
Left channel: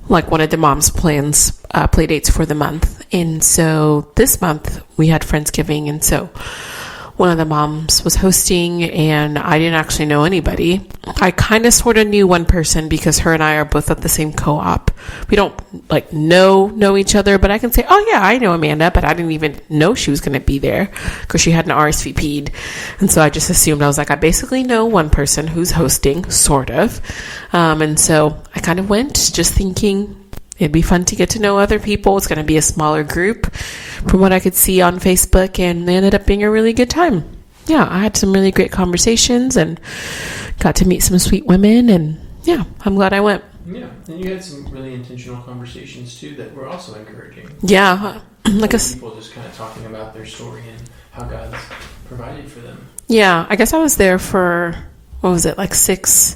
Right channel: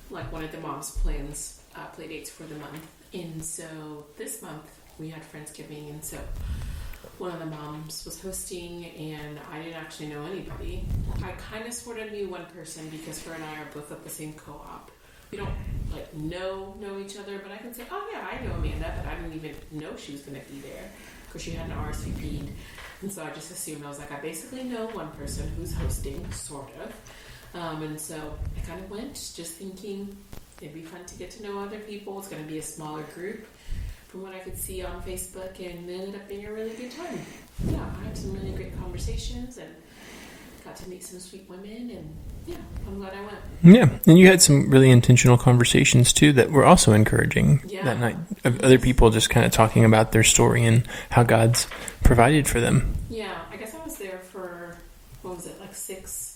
Like one of the mom's plans, play dates for the month. And so this month we had Friendsgiving, and so one of the moms was hosting, and I didn't actually know anybody. I kind of sort of knew one person because her and I are both at the same co-op. We don't like know each other, but I can say, oh yeah, I know Amanda, but I didn't even know she was going to be there because she hadn't RSVP'd. And so I just assumed, I was like, I basically know one person who's hosting, sort of. And so I kind of went just thinking it'd be fun to get to know other people. It's going to be a smaller group from what I could see on Facebook, and it ended up being a really good time. Yeah, I had some really great conversations and got to meet some sweet women and yeah, I'm glad I went. Yeah, and you had some really intentional conversations too that were also encouraging. Yeah, other people just kind of talking about their story and how God's provided for them. Yeah, I guess I was there for, what was it, like 6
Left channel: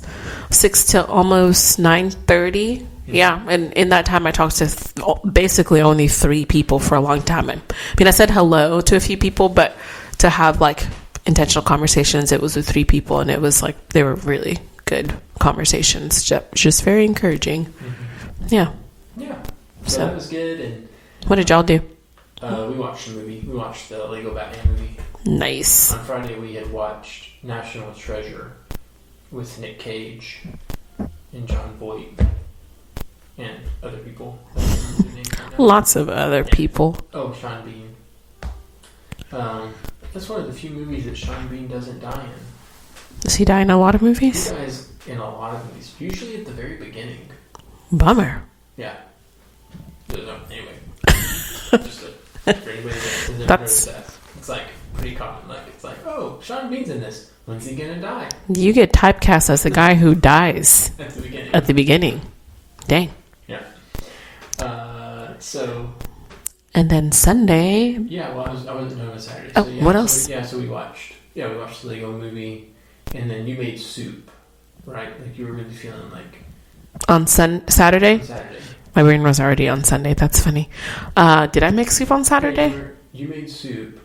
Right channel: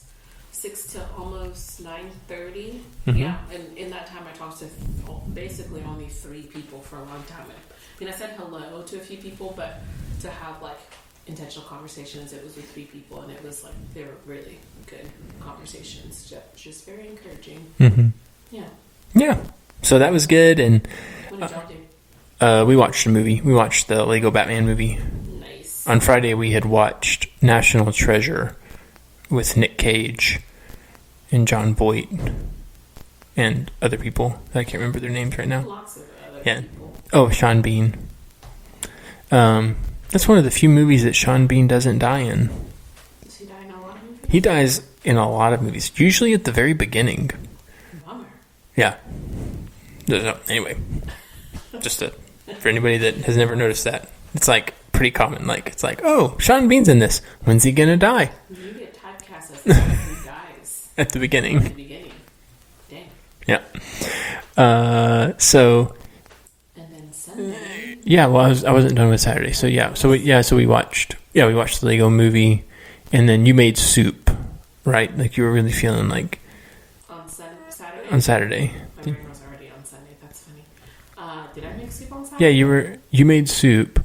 till almost 9:30. Yeah, and in that time I talked to basically only 3 people for a long time. I mean, I said hello to a few people, but to have like intentional conversations, it was with 3 people, and it was like they were really good conversations, just very encouraging. Yeah. So that was good. And what did y'all do? We watched a movie. We watched the Lego Batman movie. Nice. On Friday we had watched National Treasure with Nick Cage and John Voight and other people. I can't remember their names right now. Lots of other people. Oh, Sean Bean. That's one of the few movies that Sean Bean doesn't die in. Does he die in a lot of movies? He dies in a lot of movies, usually at the very beginning. Bummer. Yeah. Anyway, just for anybody that has never noticed that, it's like pretty common. Like, it's like, oh, Sean Bean's in this. When's he gonna die? You get typecast as the guy who dies at the beginning. At the beginning. Dang. Yeah. So. And then Sunday. Yeah. Well, I wasn't done with Saturday. So yeah. What else? So we watched the Lego movie, and then you made soup, right? Like you were really feeling like. On Saturday? On Saturday. My brain was already on Sunday. That's funny. Did I make soup on Saturday? Yeah, you made soup.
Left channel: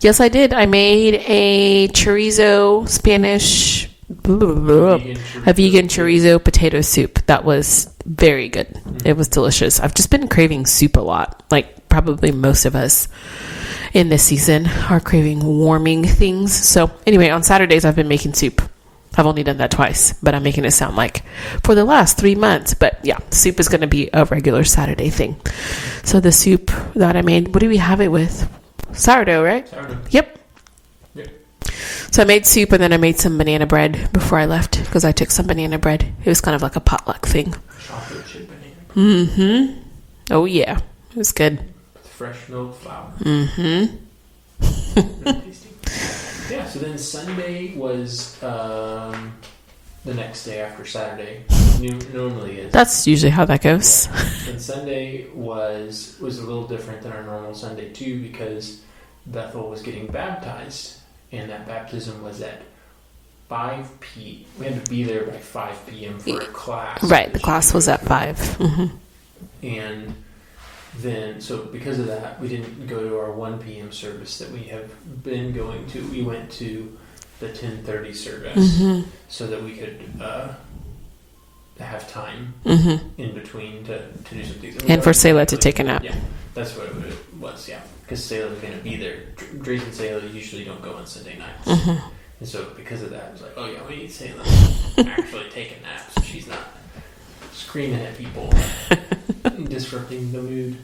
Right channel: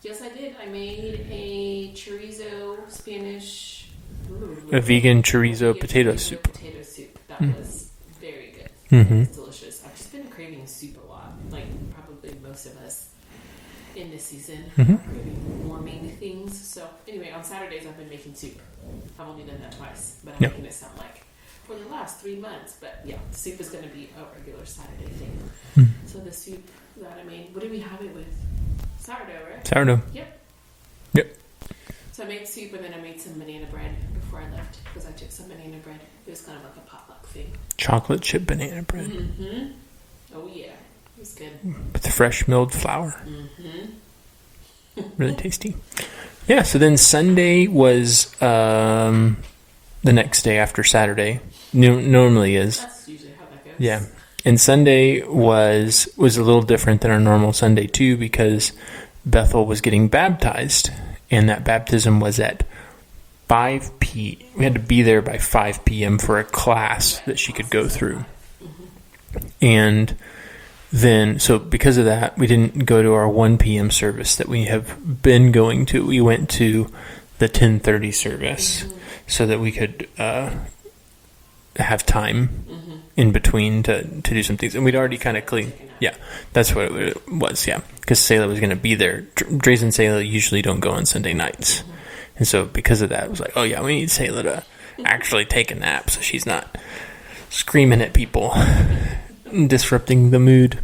Yes, I did. I made a chorizo Spanish... A vegan chorizo potato soup. That was very good. It was delicious. I've just been craving soup a lot. Like probably most of us in this season are craving warming things. So anyway, on Saturdays I've been making soup. I've only done that twice, but I'm making it sound like for the last 3 months. But yeah, soup is going to be a regular Saturday thing. So the soup that I made, what do we have it with? Sourdough, right? Sourdough. Yep. So I made soup, and then I made some banana bread before I left, because I took some banana bread. It was kind of like a potluck thing. Chocolate chip banana bread. Oh yeah, it was good. With the fresh milled flour. Really tasty. Yeah, so then Sunday was the next day after Saturday. Normally is. That's usually how that goes. Yeah. And Sunday was a little different than our normal Sunday too, because Bethel was getting baptized, and that baptism was at 5 p.m. We had to be there by 5 p.m. for a class. Right, the class was at 5. And then, so because of that, we didn't go to our 1 p.m. service that we have been going to. We went to the 10:30 service so that we could have time in between to do some things. And for Selah to take a nap. Yeah, that's what it was, yeah. Because Selah was going to be there. Dreza and Selah usually don't go on Sunday nights. And so because of that, it was like, oh yeah, we need Selah to actually take a nap so she's not screaming at people. Disrupting the mood.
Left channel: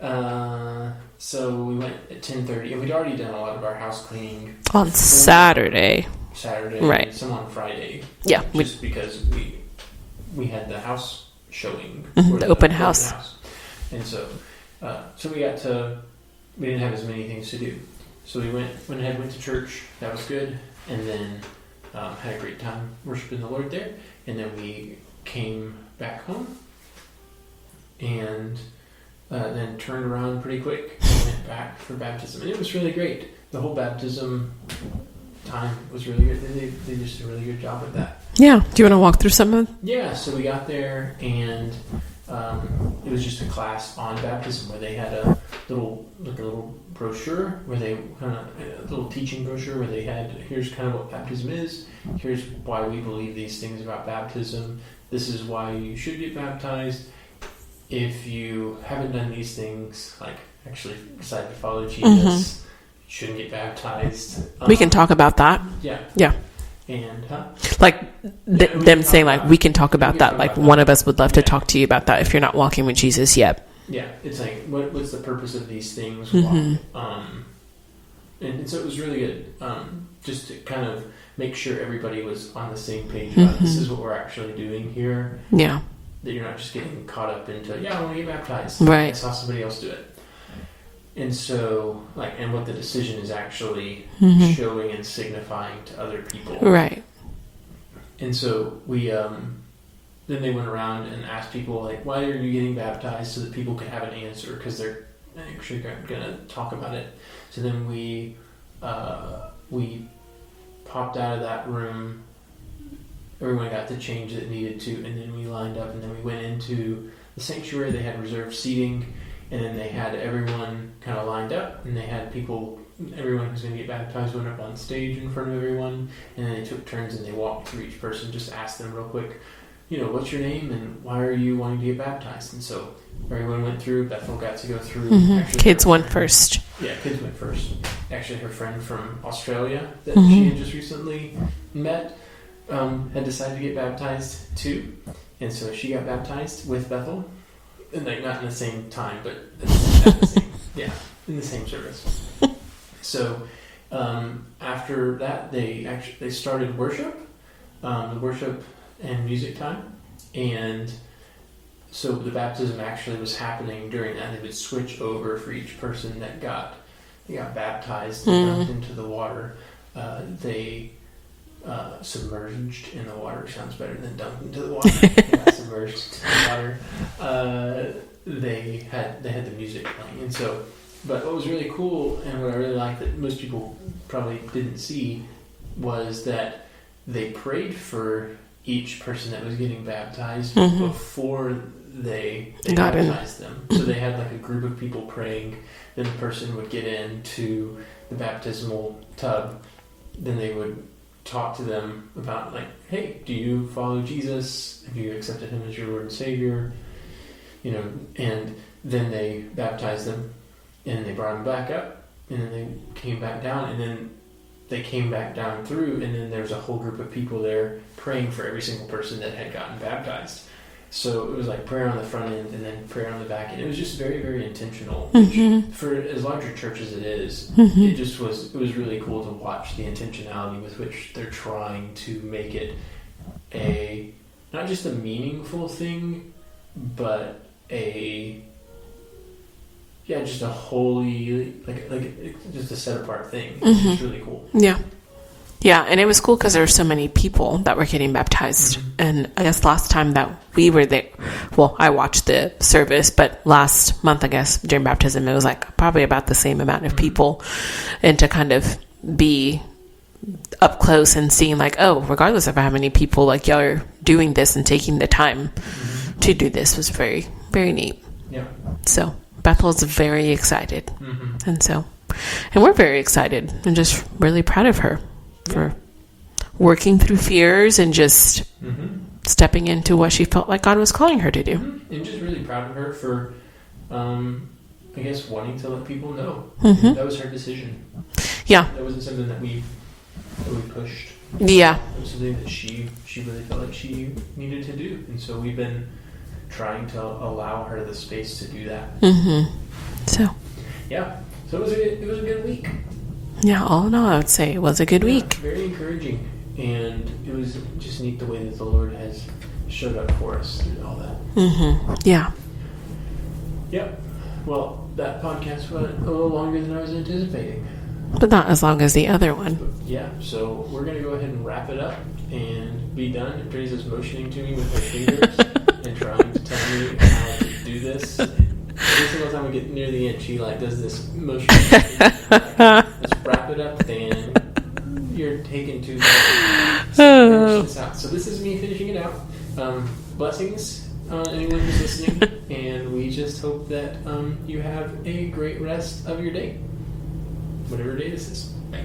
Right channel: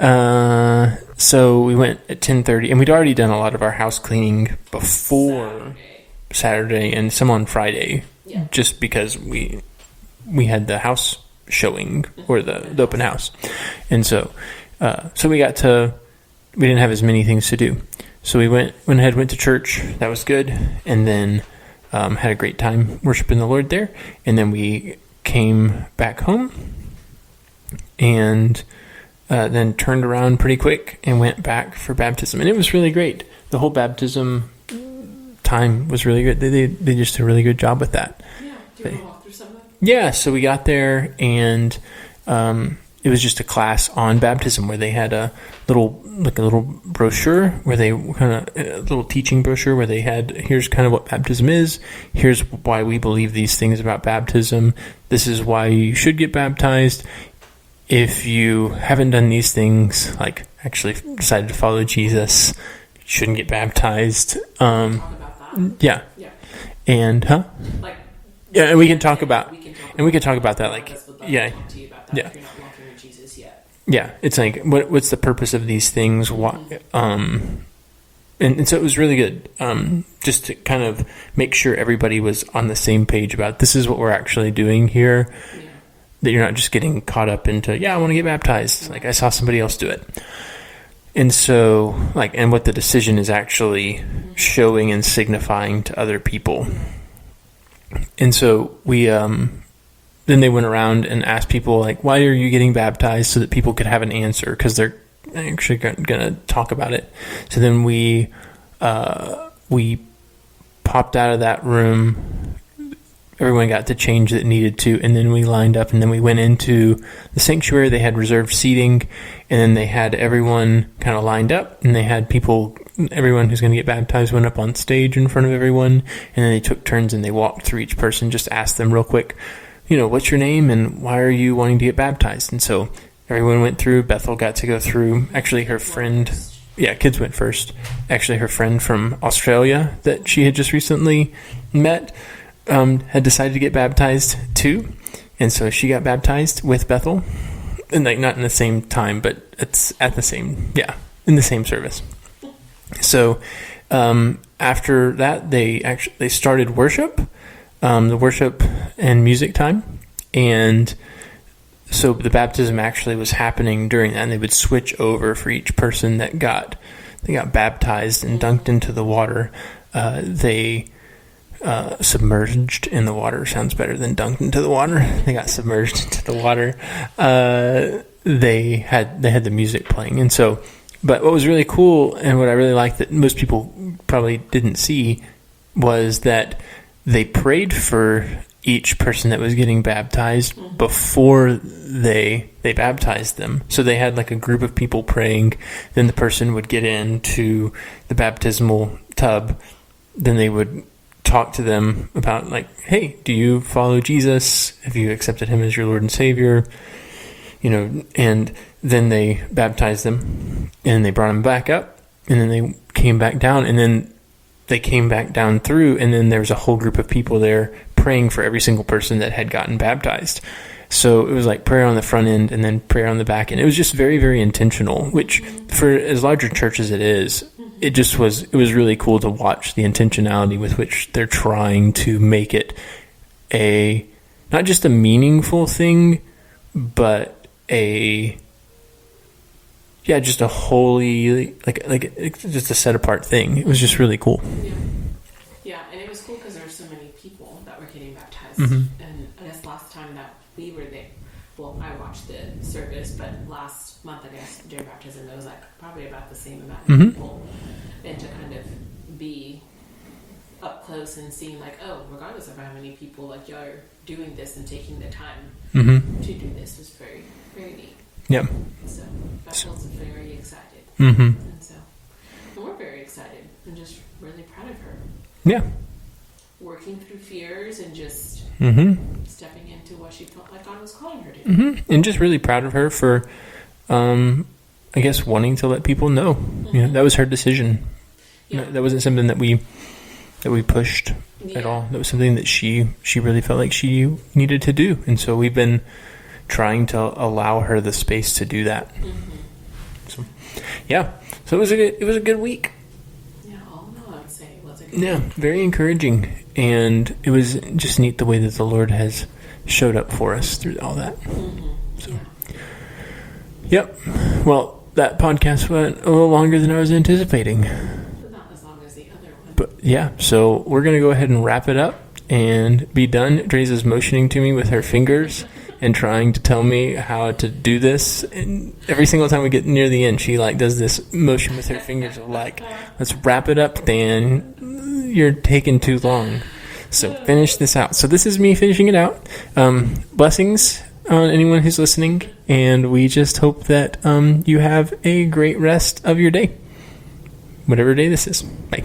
So we went at 10:30, and we'd already done a lot of our house cleaning on Saturday, right. And some on Friday. Yeah, just because we had the house showing or the open house, and so we didn't have as many things to do. So we went to church. That was good, and then had a great time worshiping the Lord there, and then we came back home. And then turned around pretty quick and went back for baptism. And it was really great. The whole baptism time was really good. They just did a really good job with that. Yeah. Do you want to walk through some of them? Yeah. So we got there, and it was just a class on baptism where they had a little brochure where they a little teaching brochure where they had, here's kind of what baptism is. Here's why we believe these things about baptism. This is why you should get baptized. If you haven't done these things, like actually decided to follow Jesus, you shouldn't get baptized. We can talk about that. Yeah. Yeah. And, like, we can talk about that. Like, one of us would love to talk to you about that if you're not walking with Jesus yet. Yeah. It's like, what's the purpose of these things? And so it was really good, just to kind of make sure everybody was on the same page about this is what we're actually doing here. Yeah. That you're not just getting caught up into, I want to get baptized. Right. I saw somebody else do it. And so, and what the decision is actually showing and signifying to other people. Right. And so we then they went around and asked people, like, why are you getting baptized, so that people could have an answer, because they're actually going to talk about it. So then we popped out of that room. Everyone got the change that needed to, and then we lined up, and then we went into the sanctuary. They had reserved seating, and then they had everyone kind of lined up, and they had everyone who's going to get baptized went up on stage in front of everyone, and then they took turns and they walked through each person, just asked them real quick, what's your name and why are you wanting to get baptized? And so everyone went through. Bethel got to go through. Mm-hmm. Actually, kids her friend, went first. Yeah, kids went first. Actually, her friend from Australia that she had just recently met had decided to get baptized too, and so she got baptized with Bethel, and like not in the same time, but it's at the same in the same service. So after that, they started worship, the worship and music time, and so the baptism actually was happening during that, and they would switch over for each person that got baptized and dunked into the water. They submerged in the water sounds better than dunked into the water. They got submerged into the water. They had the music playing, and so. But what was really cool, and what I really liked that most people probably didn't see, was that they prayed for each person that was getting baptized before they baptized them. So they had like a group of people praying. Then the person would get into the baptismal tub. Then they would talk to them about, like, hey, do you follow Jesus? Have you accepted him as your Lord and Savior? And then they baptized them, and they brought them back up, and then they came back down, and then they came back down through, and then there was a whole group of people there praying for every single person that had gotten baptized. So it was like prayer on the front end and then prayer on the back end. It was just very, very intentional, which for as large a church as it is, it was really cool to watch the intentionality with which they're trying to make it not just a meaningful thing, but just a holy, like just a set apart thing. It was just really cool. Yeah, and it was cool because there were so many people that were getting baptized. And I guess last time that we were there, well, I watched the service, but last month, I guess, during baptism, it was like probably about the same amount of people. And to kind of be up close and seeing like, oh, regardless of how many people, like, y'all are doing this and taking the time to do this was very, very neat. Yeah. So Bethel's very excited. And we're very excited and just really proud of her. For working through fears and just stepping into what she felt like God was calling her to do. And just really proud of her for, I guess, wanting to let people know. That was her decision. Yeah. That wasn't something that we pushed. Yeah. That was something that she really felt like she needed to do. And so we've been trying to allow her the space to do that. So. Yeah. So it was a good week. Yeah, all in all, I would say it was a good week. Very encouraging. And it was just neat the way that the Lord has showed up for us through all that. Yeah. Yep. Well, that podcast went a little longer than I was anticipating. But not as long as the other one. But yeah, so we're going to go ahead and wrap it up and be done. Dreza's motioning to me with her fingers and trying to tell me how to do this. And every single time we get near the end, she does this motion with her fingers of let's wrap it up, Dan. You're taking too long. So finish this out. So this is me finishing it out. Blessings on anyone who's listening, and we just hope that you have a great rest of your day. Whatever day this is. Bye.